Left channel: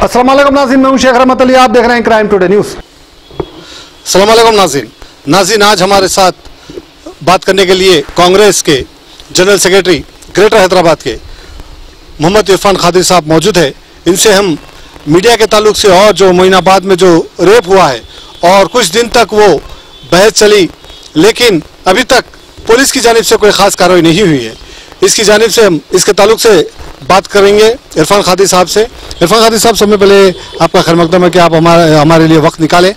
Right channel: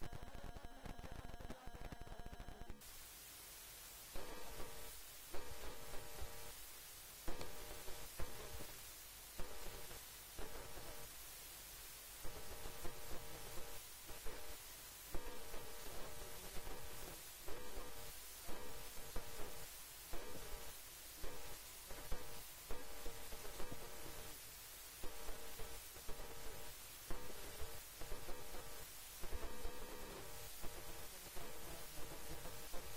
अस्सलाम वालेकुम नाज़रीन, मैं हूं शेख रहमत अली, आप देख रहे हैं क्राइम टुडे न्यूज़। अस्सलाम वालेकुम नाज़रीन, आज हमारे साथ बात करने के लिए कांग्रेस के जनरल सेक्रेटरी ग्रेटर हैदराबाद के मोहम्मद इरफान खादिर साहब मौजूद है। इनसे हम मीडिया के ताल्लुक से और जो मोइनाबाद में जो रेप हुआ है और कुछ दिन तक वो बहस चली, लेकिन अभी तक पुलिस की जानिब से कोई ख़ास कार्रवाई नहीं हुई है, इसकी जानिब से हम इसके ताल्लुक से बात करेंगे इरफान खादिर साहब से। इरफान खादिर साहब, सबसे पहले आपका खैर मकदम है कि आप हमारे लिए वक्त निकालें।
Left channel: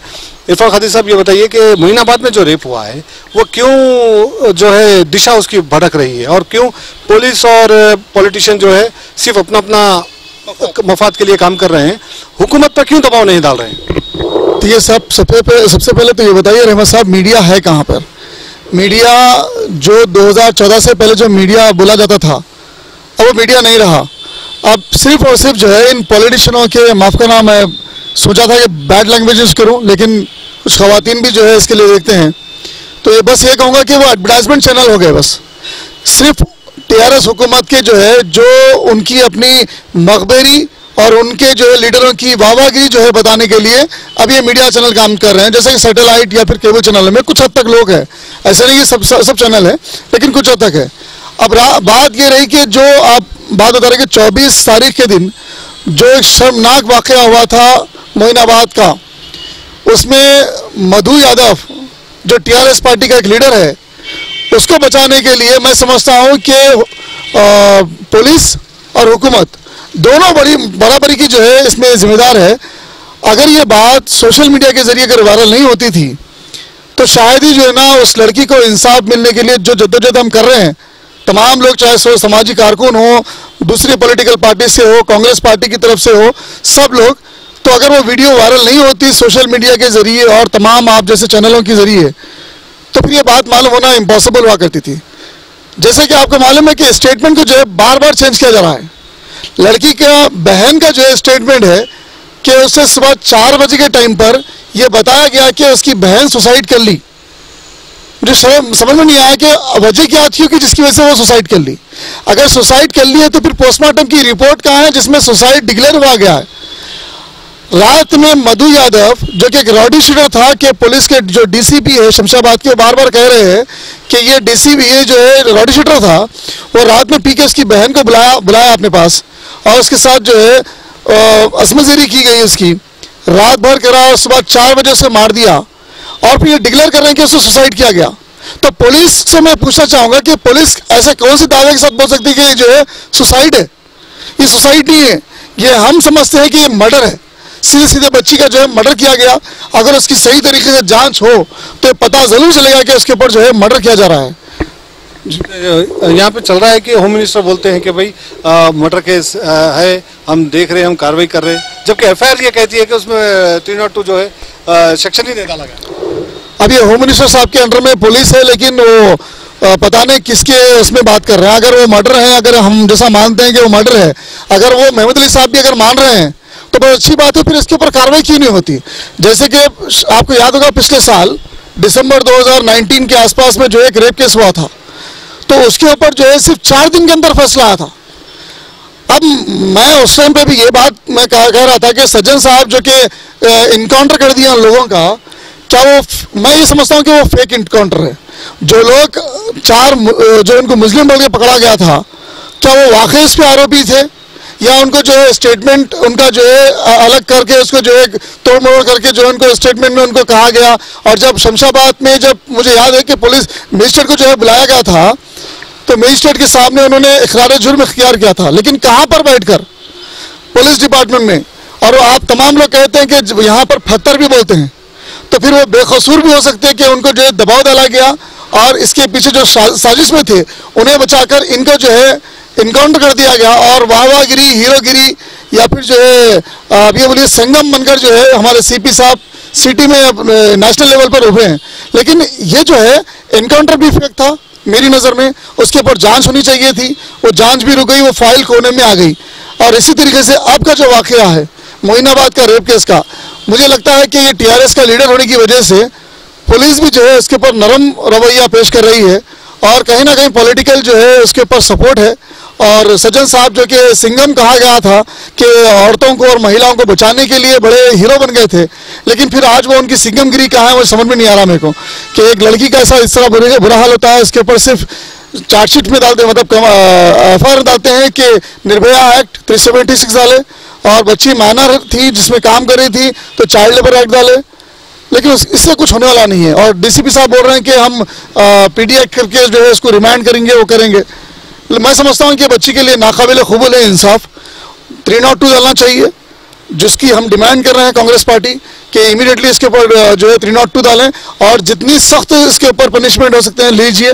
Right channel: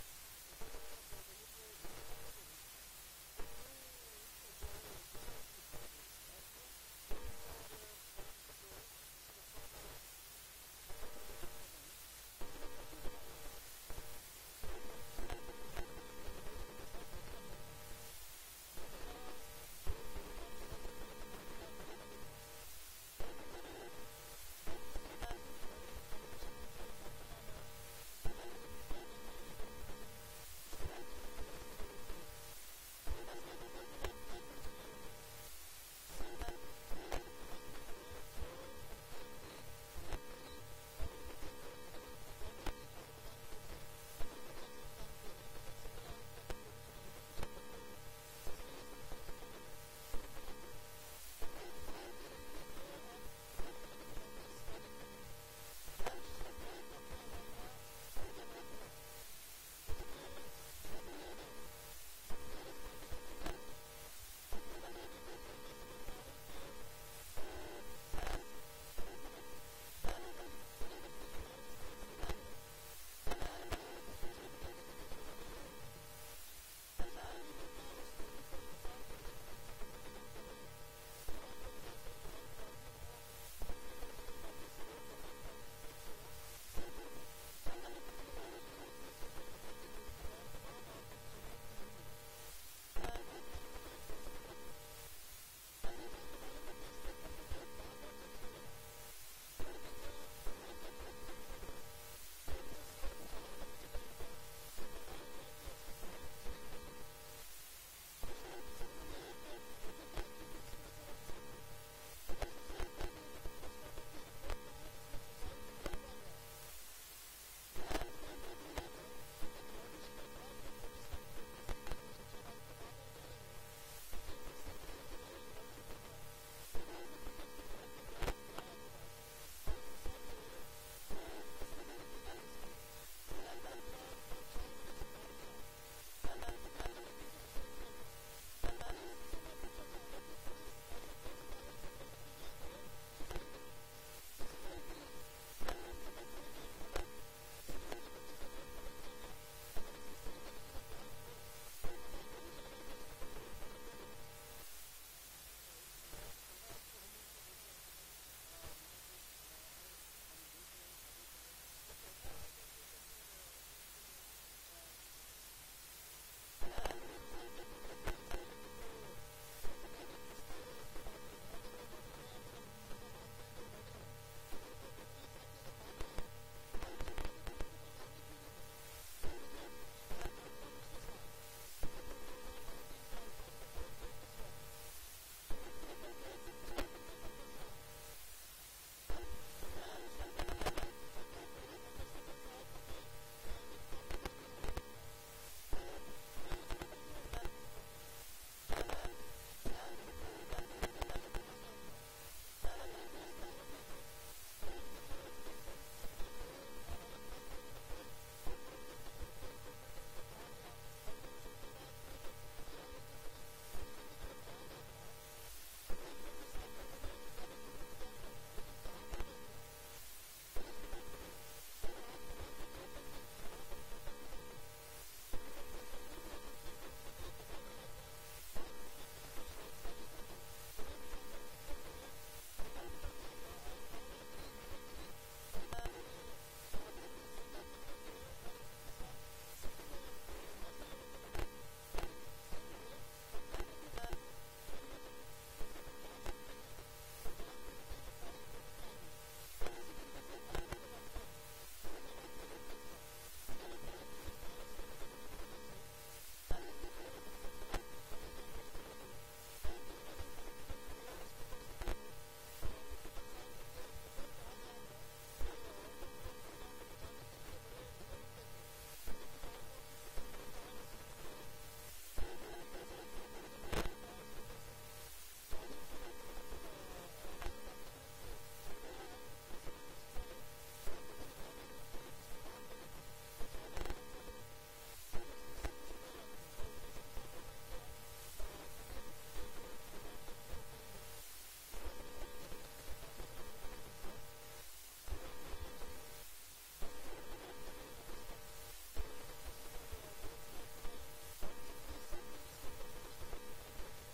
इरफान खादिर साहब, ये बताइए कि मोइनाबाद में जो रेप हुआ है वो क्यों जो है दिशा उसकी भटक रही है और क्यों पुलिस और पॉलिटिशियन जो है सिर्फ अपना अपना मफाद के लिए काम कर रहे हैं, हुकूमत पर क्यों दबाव नहीं डाल रहे हैं? तो ये सबसे पहले तो ये बताइए रहमत साहब, मीडिया है कहाँ पर? मीडिया जो 2014 से पहले जो मीडिया बोला जाता था, अब वो मीडिया नहीं रहा। अब सिर्फ और सिर्फ जो है इन पॉलिटिशियनों के, माफ़ करना, मैं सोचा था कि बैड लैंग्वेज यूज़ करूँ, लेकिन कुछ ख़वातीन भी जो है इसके लिए देखते हैं, तो ये बस ये कहूँगा कि वो एडवर्टाइजमेंट चैनल हो गए। बस सिर्फ टीआरएस हुकूमत के जो है, जो उनकी अपनी मखबरी और उनके जो है लीडरों की वाहवाही जो है बताने के लिए अब ये मीडिया चैनल काम कर रहे हैं। जैसे कि सैटेलाइट या फिर केबल चैनल में कुछ हद तक लोग हैं, ऐसा नहीं कि सब चैनल है, लेकिन कुछ हद तक है। अब बात ये रही कि जो आप बात बता रहे कि 24 तारीख के दिन जो एक शर्मनाक वाक़या हुआ था मोइनाबाद का, उसमें मधु यादव जो टीआरएस पार्टी का एक लीडर है, उसको बचाने के लिए मैं समझता हूँ कि पुलिस और हुकूमत दोनों बराबरी की जो है इसमें जिम्मेदार है। अगर ये बात सोशल मीडिया के जरिए अगर वायरल नहीं होती थी तो शायद ही जो है ना उस लड़की को इंसाफ मिलने के लिए जो जद्दोजहद हम कर रहे हैं, तमाम लोग, चाहे सो समाजी कारकुन हो, दूसरी पॉलिटिकल पार्टी से हो, कांग्रेस पार्टी की तरफ से हो, सब लोग, तो अगर वो वीडियो वायरल नहीं होती सोशल मीडिया के जरिए और तमाम आप जैसे चैनलों के जरिए, तो फिर ये बात मालूम होना इम्पॉसिबल हुआ करती थी। जैसे कि आपको मालूम है कि स्टेटमेंट को जो है बार बार चेंज किया जा रहा है। लड़की का बहन का जो है स्टेटमेंट है कि उससे सुबह 4 बजे के टाइम पर यह बताया गया कि उसकी बहन सुसाइड कर ली। मुझे समझ में नहीं आया कि वजह क्या थी कि जिसकी वजह से वो सुसाइड कर ली। अगर सुसाइड कर ली है तो फिर पोस्टमार्टम की रिपोर्ट कहाँ है जिसमें सुसाइड डिक्लेयर हुआ गया है? रात में मधु यादव जो कि एक रॉडी शूटर था, कि पुलिस के जो डीसीपी है शमशाबाद के, बार बार कह रहे हैं कि ये डीसीपी ये जो है रॉडी शूटर था, वो रात में पी के उसकी बहन को बुलाया अपने पास और उसके साथ जो है असमजरी की गई, उसकी रात भर करा और सुबह 4 बजे उसे मार दिया और फिर ये डिक्लेयर कर रहे हैं कि उससे सुसाइड किया गया। तो पुलिस से मैं पूछना चाहूँगा कि पुलिस ऐसे कौन से दावे के साथ बोल सकती है कि ये जो है सुसाइड है? ये सुसाइड नहीं है, ये हम समझते हैं कि ये मर्डर है। सीधे बच्ची का जो है मर्डर किया गया। अगर उसकी सही तरीके से जांच हो तो पता जरूर चलेगा कि उसके ऊपर जो है मर्डर किया जा रहा है। यहाँ पे चल रहा है कि होम मिनिस्टर बोलते हैं कि भाई मर्डर केस है, हम देख रहे हैं, हम कार्रवाई कर रहे हैं, जबकि एफआईआर ये कहती है कि उसमें 302 जो है सेक्शन ही नहीं डाला गया। अब ये होम मिनिस्टर साहब के अंडर में पुलिस है, लेकिन वो पता नहीं किसके उसमें बात कर रहे हैं। अगर वो मर्डर है, अगर हम जैसा मानते हैं कि वो मर्डर है, अगर वो महमूद अली साहब भी अगर मान रहे हैं तो बहुत अच्छी बात है, फिर इसके ऊपर कार्रवाई क्यों नहीं होती? जैसे कि आपको याद होगा पिछले साल दिसंबर 2019 के आसपास में जो एक रेप केस हुआ था, तो उसके ऊपर जो है सिर्फ 4 दिन के अंदर फैसला आया था। अब मैं उस टाइम पे भी ये बात मैं कह रहा था कि सज्जन साहब जो कि इनकाउंटर कर दिया उन लोगों का, क्या वो, मैं ये समझता हूँ कि वो फेक इनकाउंटर है। जो लोग 4 जो उनको मुस्लिम बोल के पकड़ा गया था, क्या वो वाकई इस पे आरोपी थे या उनको जो है स्टेटमेंट उनका जो है अलग करके उसको जो है तोड़ मरोड़ करके जो उनको स्टेटमेंट में उनको कहा गया? और जब शमशाबाद में, जब मुझे याद है कि पुलिस मजिस्ट्रेट को जो है बुलाया गया था, तो मजिस्ट्रेट के सामने उन्होंने इकरार जुर्म इख्तियार किया था, लेकिन कहाँ पर बैठकर? पुलिस डिपार्टमेंट में। और आप तमाम लोग कहते हैं कि यहाँ पर फत्तर भी बोलते हैं, तो फिर वो बेकसूर भी हो सकते हैं कि उनको जो है दबाव डाला गया और इसके पीछे जो साजिश में थे उन्हें बचाकर इनको जो है इनकाउंटर कर दिया गया और वाहवागिरी, हीरोगिरी या फिर जो है अब ये बोलिए संगम बनकर जो है हमारे सीपी साहब सिटी में नेशनल लेवल पर उभरे हैं। लेकिन ये जो है इनकाउंटर भी फेक था मेरी नज़र में। उसके ऊपर जांच होनी चाहिए थी, वो जांच भी रुक गई, वो फाइल कोने में आ गई। और इसी तरीके से अब का जो वाक़या है मोइनाबाद का रेप केस का, मुझे लगता है कि ये टीआरएस का लीडर होने की वजह से पुलिस भी जो है उसके ऊपर नरम रवैया पेश कर रही है और कहीं ना कहीं पॉलिटिकल जो है उसके ऊपर सपोर्ट है और सज्जन साहब जो कि सिंघम कहा गया था कि औरतों को और महिलाओं को बचाने के लिए बड़े हीरो बन गए थे, लेकिन फिर आज वो उनकी सिंघमगिरी कहाँ है वो समझ में नहीं आ रहा मेरे को कि एक लड़की का ऐसा इस तरह बुरा हाल होता है, इसके ऊपर सिर्फ चार्जशीट में डालते मतलब FIR डालते हैं कि निर्भया एक्ट 376 डाले, और बच्ची माइनर थी जिसमें काम कर रही थी तो चाइल्ड लेबर एक्ट डाले, लेकिन इससे कुछ होने वाला नहीं है। और DCP साहब बोल रहे हैं कि हम PD एक्ट करके जो है इसको रिमांड करेंगे, वो करेंगे। मैं समझता हूँ कि बच्ची के लिए नाकाबिल क़बूल है इंसाफ 302 डालना चाहिए, जिसकी हम डिमांड कर रहे हैं कांग्रेस पार्टी कि इमीडिएटली इसके ऊपर जो है 302 डालें, और जितनी सख्त इसके ऊपर पनिशमेंट हो सकते हैं लीजिए।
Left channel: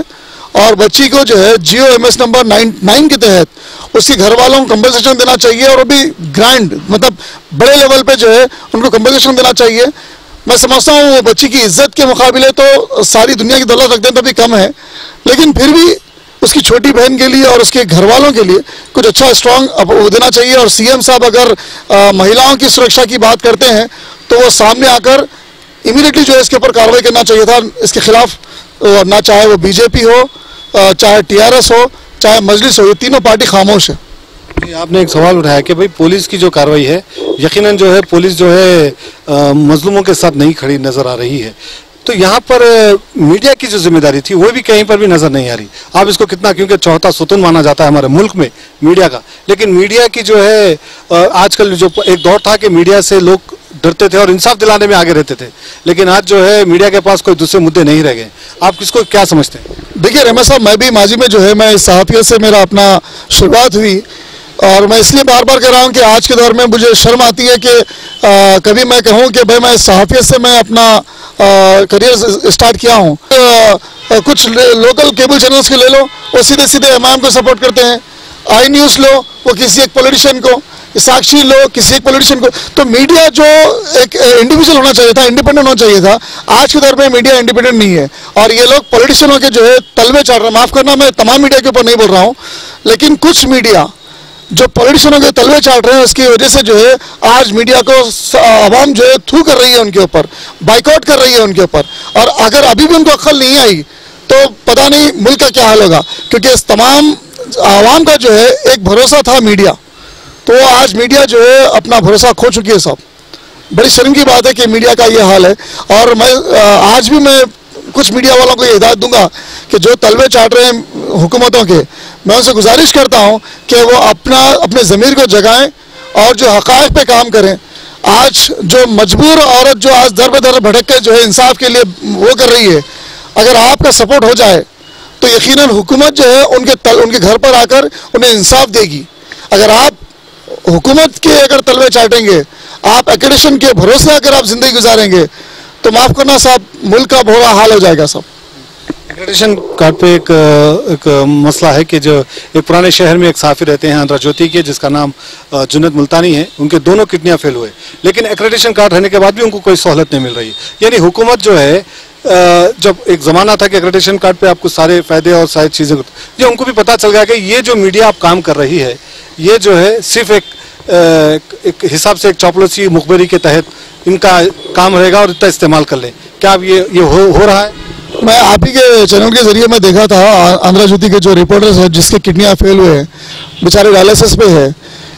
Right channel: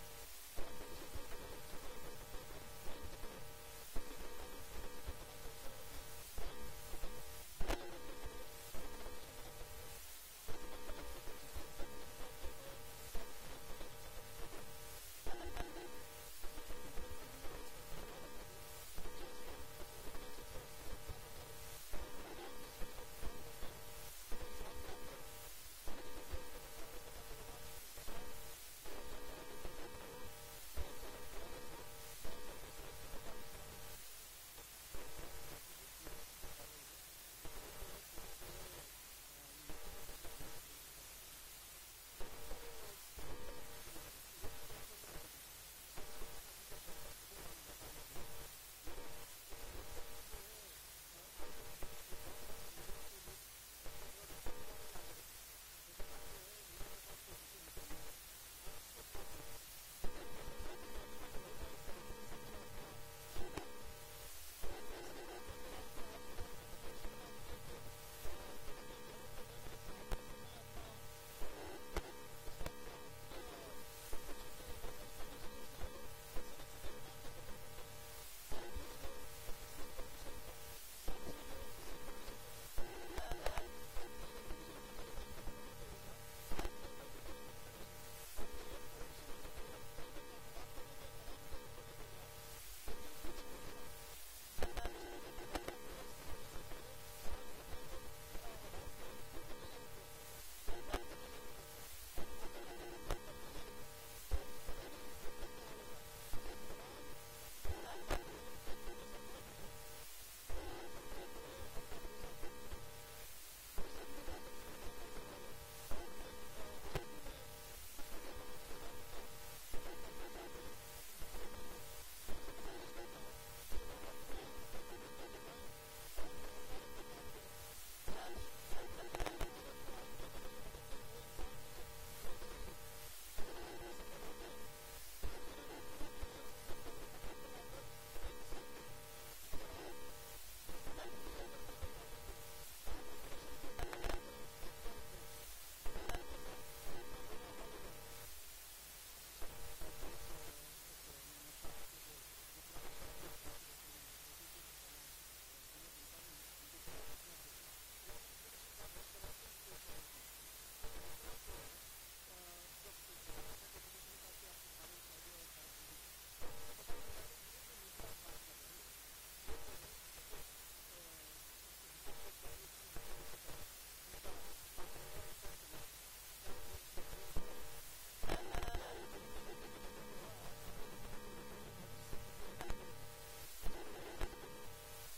और बच्ची को जो है GOMS नंबर 9 के तहत उसके घर वालों को कंपनसेशन देना चाहिए, और अभी ग्रैंड मतलब बड़े लेवल पे जो है उनको कंपनसेशन देना चाहिए। मैं समझता हूँ वो बच्ची की इज्जत के मुकाबले तो सारी दुनिया की दौलत रख दें तो भी कम है, लेकिन फिर भी उसकी छोटी बहन के लिए और उसके घर वालों के लिए कुछ अच्छा स्ट्रॉन्ग देना चाहिए। और CM साहब अगर महिलाओं की सुरक्षा की बात करते हैं तो वो सामने आकर इमीडिएटली जो है इसके ऊपर कार्रवाई करना चाहिए था, इसके खिलाफ, ना चाहे वो BJP हो, चाहे TRS हो, चाहे मजलिस हो, ये तीनों पार्टी खामोश है। आपने एक सवाल उठाया कि भाई पुलिस की जो कार्रवाई है, यकीनन जो है पुलिस जो है मजलूमों के साथ नहीं खड़ी नजर आ रही है, तो यहाँ पर मीडिया की जो जिम्मेदारी थी वो भी कहीं पर भी नजर नहीं आ रही। आप इसको कितना, क्योंकि चौथा सुतून माना जाता है हमारे मुल्क में मीडिया का, लेकिन मीडिया की जो है आजकल जो एक दौर था कि मीडिया से लोग डरते थे और इंसाफ दिलाने में आगे रहते थे, लेकिन आज जो है मीडिया के पास कोई दूसरे मुद्दे नहीं रह गए। आप किसको क्या समझते हैं? देखिए रहमान साहब, मैं भी माजी में जो है मैं सहाफियत से मेरा अपना शुरुआत हुई, और मैं इसलिए बार बार कह रहा हूँ कि आज के दौर में मुझे शर्म आती है कि कभी मैं कहूँ कि भाई मैं सहाफियत से मैं अपना करियर स्टार्ट किया हूँ। कुछ लोकल केबल चैनल्स के ले लो, वो सीधे सीधे इमाम को सपोर्ट करते हैं। आई न्यूज़ लो, वो किसी एक पॉलिटिशियन को, साक्षी लो किसी एक पॉलिटिशियन को। तो मीडिया जो एक इंडिविजुअल होना चाहिए था, इंडिपेंडेंट होना चाहिए था, आज के दौर में मीडिया इंडिपेंडेंट नहीं है, और ये लोग पॉलिटिशियनों के जो है तलवे चढ़ रहे हैं। माफ़ करना, मैं तमाम मीडिया के ऊपर नहीं बोल रहा हूँ, लेकिन कुछ मीडिया जो पॉलिटिशियनों के तलवे चाट रहे हैं उसकी वजह से जो है आज मीडिया को आवाम जो है थू कर रही है उनके ऊपर, बाइकआउट कर रही है उनके ऊपर। और अगर अभी भी उनको अक्ल नहीं आई तो पता नहीं मुल्क का क्या हाल होगा, क्योंकि इस तमाम आवाम का जो है एक भरोसा था मीडिया, तो आज मीडिया जो है अपना भरोसा खो चुकी है। सब बड़ी शर्म की बात है कि मीडिया का ये हाल है। और मैं आज भी मैं कुछ मीडिया वालों को ये हिदायत दूंगा कि जो तलवे चाट रहे हैं हुकूमतों के, मैं उनसे गुजारिश करता हूं कि वो अपने ज़मीर को जगाएं और जो हक़ाइक़ पे काम करें। आज जो मजबूर औरत जो आज दर बदर भटक के जो है इंसाफ के लिए वो कर रही है, अगर आपका सपोर्ट हो जाए तो यकीनन हुकूमत जो है उनके घर पर आकर उन्हें इंसाफ देगी। अगर आप हुकूमत के अगर तलवे चाटेंगे, आप एक्रेडिशन के भरोसे अगर आप ज़िंदगी गुजारेंगे, तो माफ़ करना साहब, मुल्क का बुरा हाल हो जाएगा सब। एक्रेडिशन कार्ड पे एक मसला है कि जो एक पुराने शहर में एक साफी रहते हैं आंध्र ज्योति के, जिसका नाम जुन्नत मुल्तानी है, उनके दोनों किडनियां फेल हुए, लेकिन एक्रेडिशन कार्ड रहने के बाद भी उनको कोई सहूलत नहीं मिल रही। यानी हुकूमत जो है, जब एक ज़माना था कि एक्रेडिशन कार्ड पे आपको सारे फ़ायदे और सारी चीज़ें, ये उनको भी पता चल गया कि ये जो मीडिया आप काम कर रही है, ये जो है सिर्फ एक हिसाब से एक चौपलूसी मुखबरी के तहत इनका काम रहेगा और इतना इस्तेमाल कर लें। क्या अब ये हो रहा है? मैं आप ही के चैनल के जरिए मैं देखा था आंध्र ज्योति के जो रिपोर्टर्स हैं जिसके किडनियाँ फेल हुए हैं, बेचारे डायलिसिस पे है।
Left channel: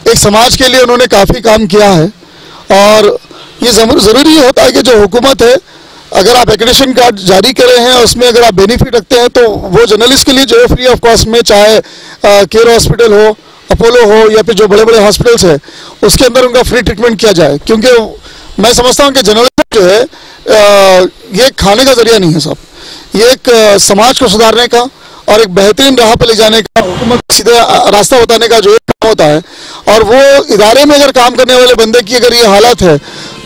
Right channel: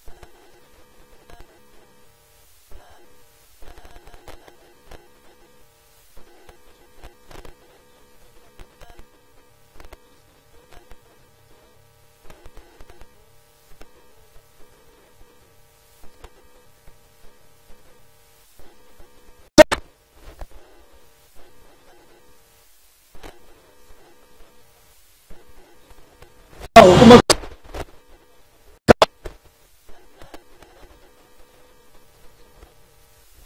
एक समाज के लिए उन्होंने काफ़ी काम किया है, और ये ज़रूरी होता है कि जो हुकूमत है, अगर आप एक्रेडिशन कार्ड जारी कर रहे हैं उसमें अगर आप बेनिफिट रखते हैं तो वो जर्नलिस्ट के लिए जो है फ्री ऑफ कॉस्ट में, चाहे केयर हॉस्पिटल हो, अपोलो हो, या फिर जो बड़े बड़े हॉस्पिटल्स है उसके अंदर उनका फ्री ट्रीटमेंट किया जाए। क्योंकि मैं समझता हूँ कि जर्नलिज्म जो है ये खाने का जरिया नहीं है साहब, ये एक समाज को सुधारने का और एक बेहतरीन राह पर ले जाने का, हुकूमत को सीधे रास्ता बताने का जो एक काम होता है। और वो इदारे में अगर काम करने वाले बंदे की अगर ये हालत है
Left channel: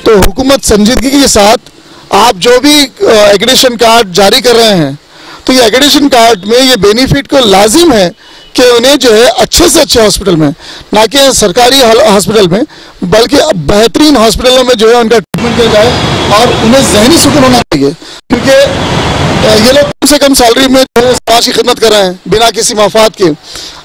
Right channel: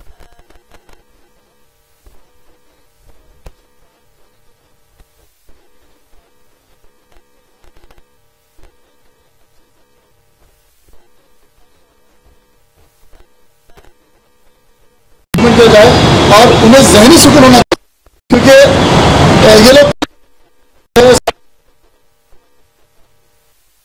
तो हुकूमत संजीदगी के साथ आप जो भी एक्रेडिशन कार्ड जारी कर रहे हैं, तो ये एक्रेडिशन कार्ड में ये बेनिफिट को लाजिम है कि उन्हें जो है अच्छे से अच्छे हॉस्पिटल में, ना कि सरकारी हॉस्पिटल में, बल्कि बेहतरीन हॉस्पिटलों में जो है उनका ट्रीटमेंट किया जाए। और उन्हें ज़हनी सुकून होना चाहिए, क्योंकि ये लोग कम से कम सैलरी में जो है समाज की खिदमत कर रहे हैं बिना किसी मफाद के।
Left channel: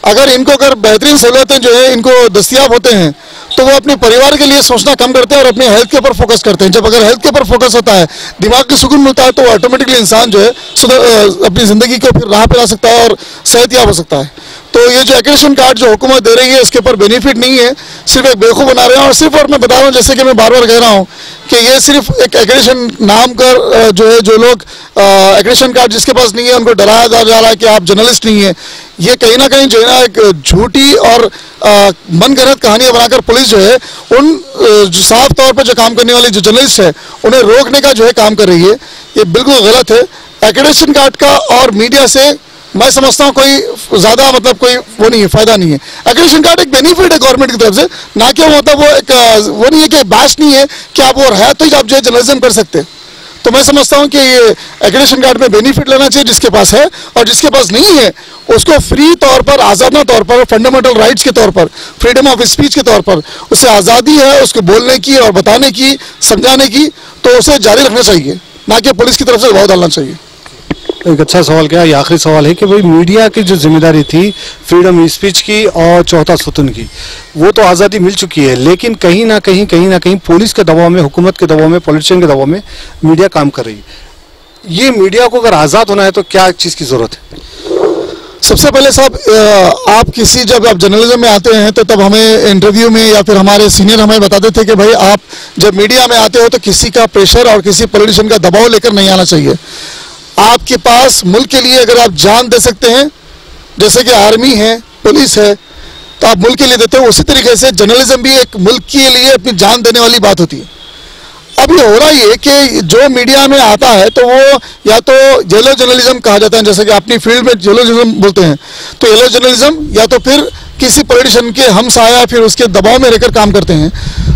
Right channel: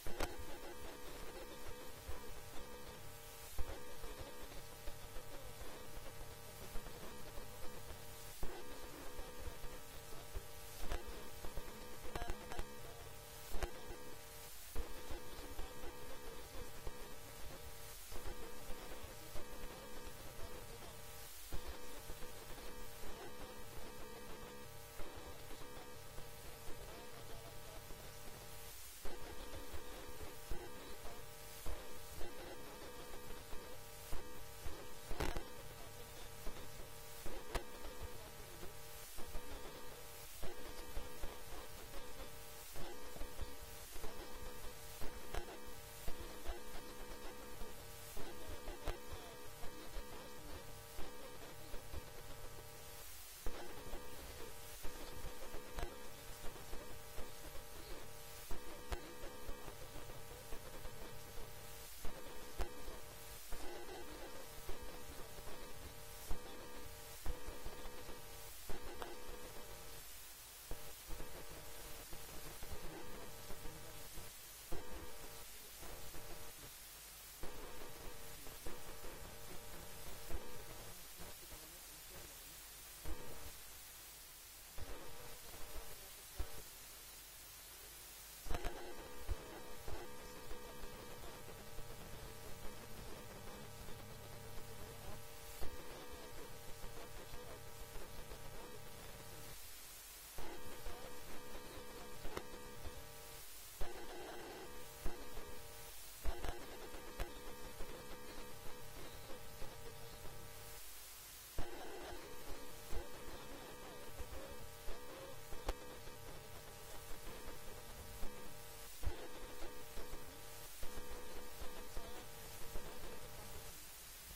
अगर इनको अगर बेहतरीन सहूलतें जो है इनको दस्तियाब होते हैं तो वो अपने परिवार के लिए सोचना कम करते हैं और अपने हेल्थ के ऊपर फोकस करते हैं। जब अगर हेल्थ के ऊपर फोकस होता है, दिमाग को सुकून मिलता है, तो ऑटोमेटिकली इंसान जो है अपनी ज़िंदगी को फिर राह पे ला सकता है और सेहतयाब हो सकता है। तो ये जो एक्रेडिशन कार्ड जो हुकूमत दे रही है इसके ऊपर बेनिफिट नहीं है, सिर्फ एक बेवकूफ़ बना रहे हैं। और सिर्फ, और मैं बता रहा हूँ जैसे कि मैं बार बार कह रहा हूँ कि ये सिर्फ एक एक्रेडिशन नाम कर जो है, जो लोग एक्रेडिशन कार्ड जिसके पास नहीं है उनको डराया जा रहा है कि आप जर्नलिस्ट नहीं है। ये कहीं ना कहीं जो है ना एक झूठी और मनगढ़ंत कहानियां बनाकर पुलिस जो है उन जो साफ तौर पर जो काम करने वाले जो जर्नलिस्ट है उन्हें रोकने का जो है काम कर रही है। ये बिल्कुल गलत है। एक्रेडिशन कार्ड का और मीडिया से मैं समझता हूँ कोई ज़्यादा मतलब कोई वो नहीं है, फायदा नहीं है। एक्रेडिशन कार्ड एक बेनिफिट है गवर्नमेंट की तरफ से, ना कि मतलब वो एक वो नहीं है कि बैश नहीं है कि आप वो है तो ही आप जो है जर्नलिज्म कर सकते। तो मैं समझता हूँ कि ये एक्रेडिशन कार्ड में बेनिफिट लेना चाहिए जिसके पास है, और जिसके पास नहीं है उसको फ्री तौर पर, आज़ादना तौर पर, फंडामेंटल राइट्स के तौर पर, फ्रीडम ऑफ स्पीच के तौर पर उसे आज़ादी है उसको बोलने की और बताने की, समझाने की, तो उसे जारी रखना चाहिए, ना कि पुलिस की तरफ से दबाव डालना चाहिए। एक अच्छा सवाल क्या, ये आखिरी सवाल है कि भाई मीडिया की जो जिम्मेदारी थी फ्रीडम स्पीच की और चौथा सुतून की, वो तो आज़ादी मिल चुकी है, लेकिन कहीं ना कहीं पुलिस के दबाव में, हुकूमत के दबाव में, पॉलिटिशियन के दबाव में मीडिया काम कर रही है। ये मीडिया को अगर आज़ाद होना है तो क्या चीज़ की ज़रूरत है? सबसे पहले साहब, आप किसी जब आप जर्नलिज्म में आते हैं तो तब हमें इंटरव्यू में या फिर हमारे सीनियर हमें बताते थे कि भाई आप जब मीडिया में आते हो तो किसी का प्रेशर और किसी पॉलिटिशियन का दबाव लेकर नहीं आना चाहिए। आपके पास मुल्क के लिए अगर आप जान दे सकते हैं, जैसे कि आर्मी है, पुलिस है, तो आप मुल्क के लिए देते हो। उसी तरीके से जर्नलिज्म भी एक मुल्क के लिए अपनी जान देने वाली बात होती है। अब ये हो रहा है कि जो मीडिया में आता है तो वो या तो येलो जर्नलिज्म कहा जाता है, जैसे कि अपनी फील्ड में येलो जर्नलिज्म बोलते हैं, तो येलो जर्नलिज्म, या तो फिर किसी पॉलिटिशियन के हम साया फिर उसके दबाव में रहकर काम करते हैं।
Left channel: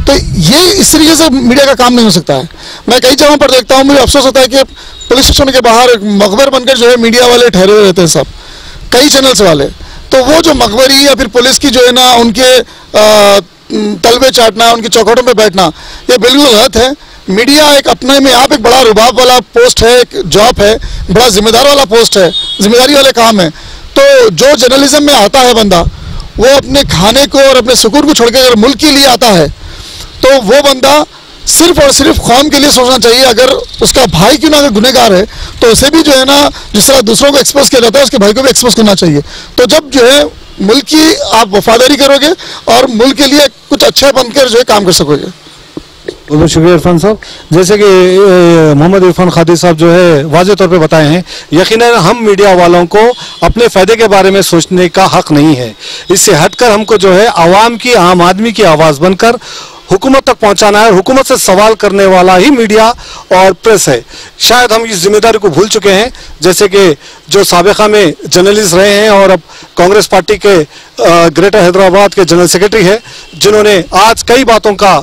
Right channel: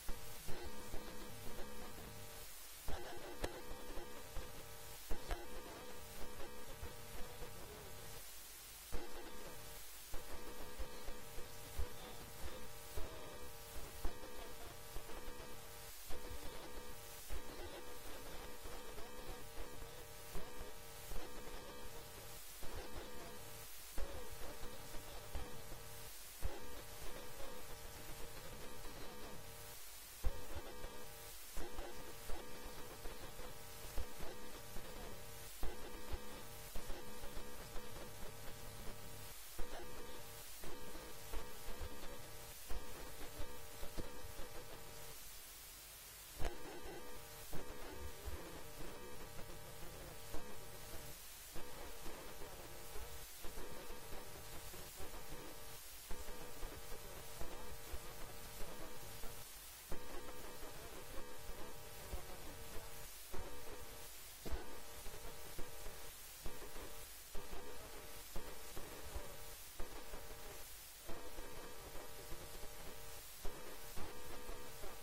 तो ये इस तरीके से मीडिया का काम नहीं हो सकता है। मैं कई जगहों पर देखता हूँ, मुझे अफसोस होता है कि पुलिस स्टेशन के बाहर मकबर बनकर जो है मीडिया वाले ठहरे हुए रहते हैं सब, कई चैनल्स वाले। तो वो जो मकबरी या फिर पुलिस की जो है ना उनके तलबे चाटना, उनकी चौखटों पे बैठना, ये बिल्कुल गलत है। मीडिया एक अपने में आप एक बड़ा रुबाब वाला पोस्ट है, एक जॉब है, बड़ा जिम्मेदार वाला पोस्ट है, जिम्मेदारी वाले काम है। तो जो जर्नलिज्म में आता है बंदा, वो अपने खाने को और अपने सुकून को छोड़ के अगर मुल्क के लिए आता है तो वो बंदा सिर्फ और सिर्फ कौम के लिए सोचना चाहिए। अगर उसका भाई क्यों ना अगर गुनहगार है तो उसे भी जो है ना, जिस तरह दूसरों को एक्सपोज किया जाता है उसके भाई को भी एक्सपोज करना चाहिए। तो जब जो है मुल्क की आप वफादारी करोगे और मुल्क के लिए कुछ अच्छा बनकर जो है काम कर सकोगे। बहुत बहुत शुक्रिया इरफान साहब। जैसे कि मोहम्मद इरफान खादी साहब जो है वाज़े तौर पे बताए हैं, यकीनन हम मीडिया वालों को अपने फ़ायदे के बारे में सोचने का हक़ नहीं है। इससे हटकर हमको जो है आवाम की, आम आदमी की आवाज़ बनकर हुकूमत तक पहुंचाना है, और हुकूमत से सवाल करने वाला ही मीडिया और प्रेस है। शायद हम इस जिम्मेदारी को भूल चुके हैं, जैसे कि जो साबिक़ा में जर्नलिस्ट रहे हैं और अब कांग्रेस पार्टी के ग्रेटर हैदराबाद के जनरल सेक्रेटरी है, जिन्होंने आज कई बातों का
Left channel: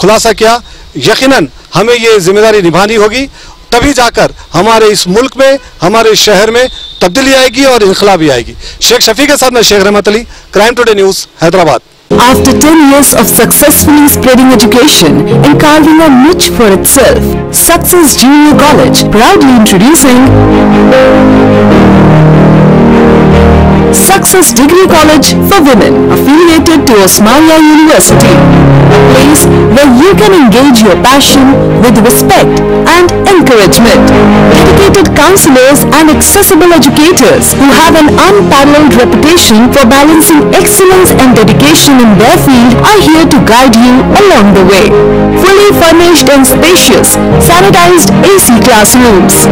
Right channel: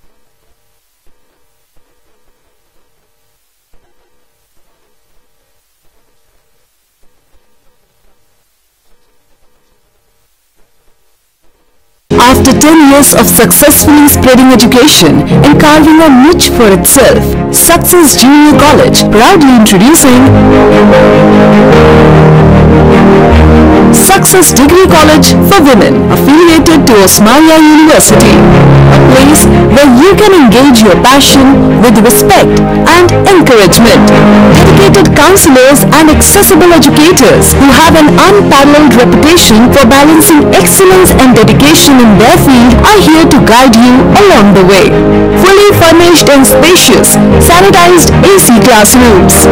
खुलासा किया। यकीनन हमें ये जिम्मेदारी निभानी होगी, तभी जाकर हमारे इस मुल्क में, हमारे शहर में तब्दीली आएगी और इनकलाब भी आएगी। शेख शफी के साथ मैं शेख रहमत Ali, crime today news, Hyderabad. After 10 years of successfully spreading education and carving a niche for itself, Success Junior College proudly introducing Success Degree College for Women, affiliated to Osmania University, a place where you can engage your passion with respect and encouragement. Dedicated counselors and accessible educators who have an unparalleled reputation for balancing excellence and dedication in their field are here to guide you along the way. Fully furnished and spacious, sanitized AC classrooms,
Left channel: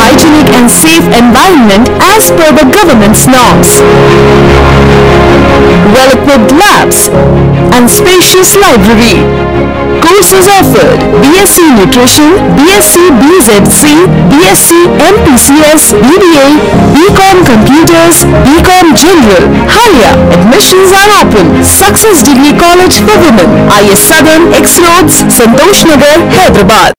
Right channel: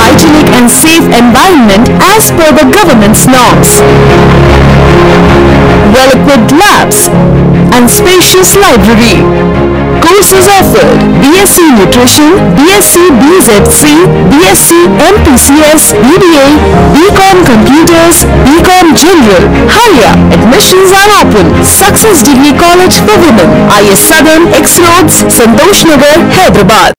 hygienic and safe environment as per the government's norms, well-equipped labs and spacious library. Courses offered: BSc Nutrition, BSc BZC, BSc MPCS, BBA, BCom Computers, BCom General. Hurry up! Admissions are open. Success Degree College for Women, IS Southern, X Roads, Santosh Nagar, Hyderabad.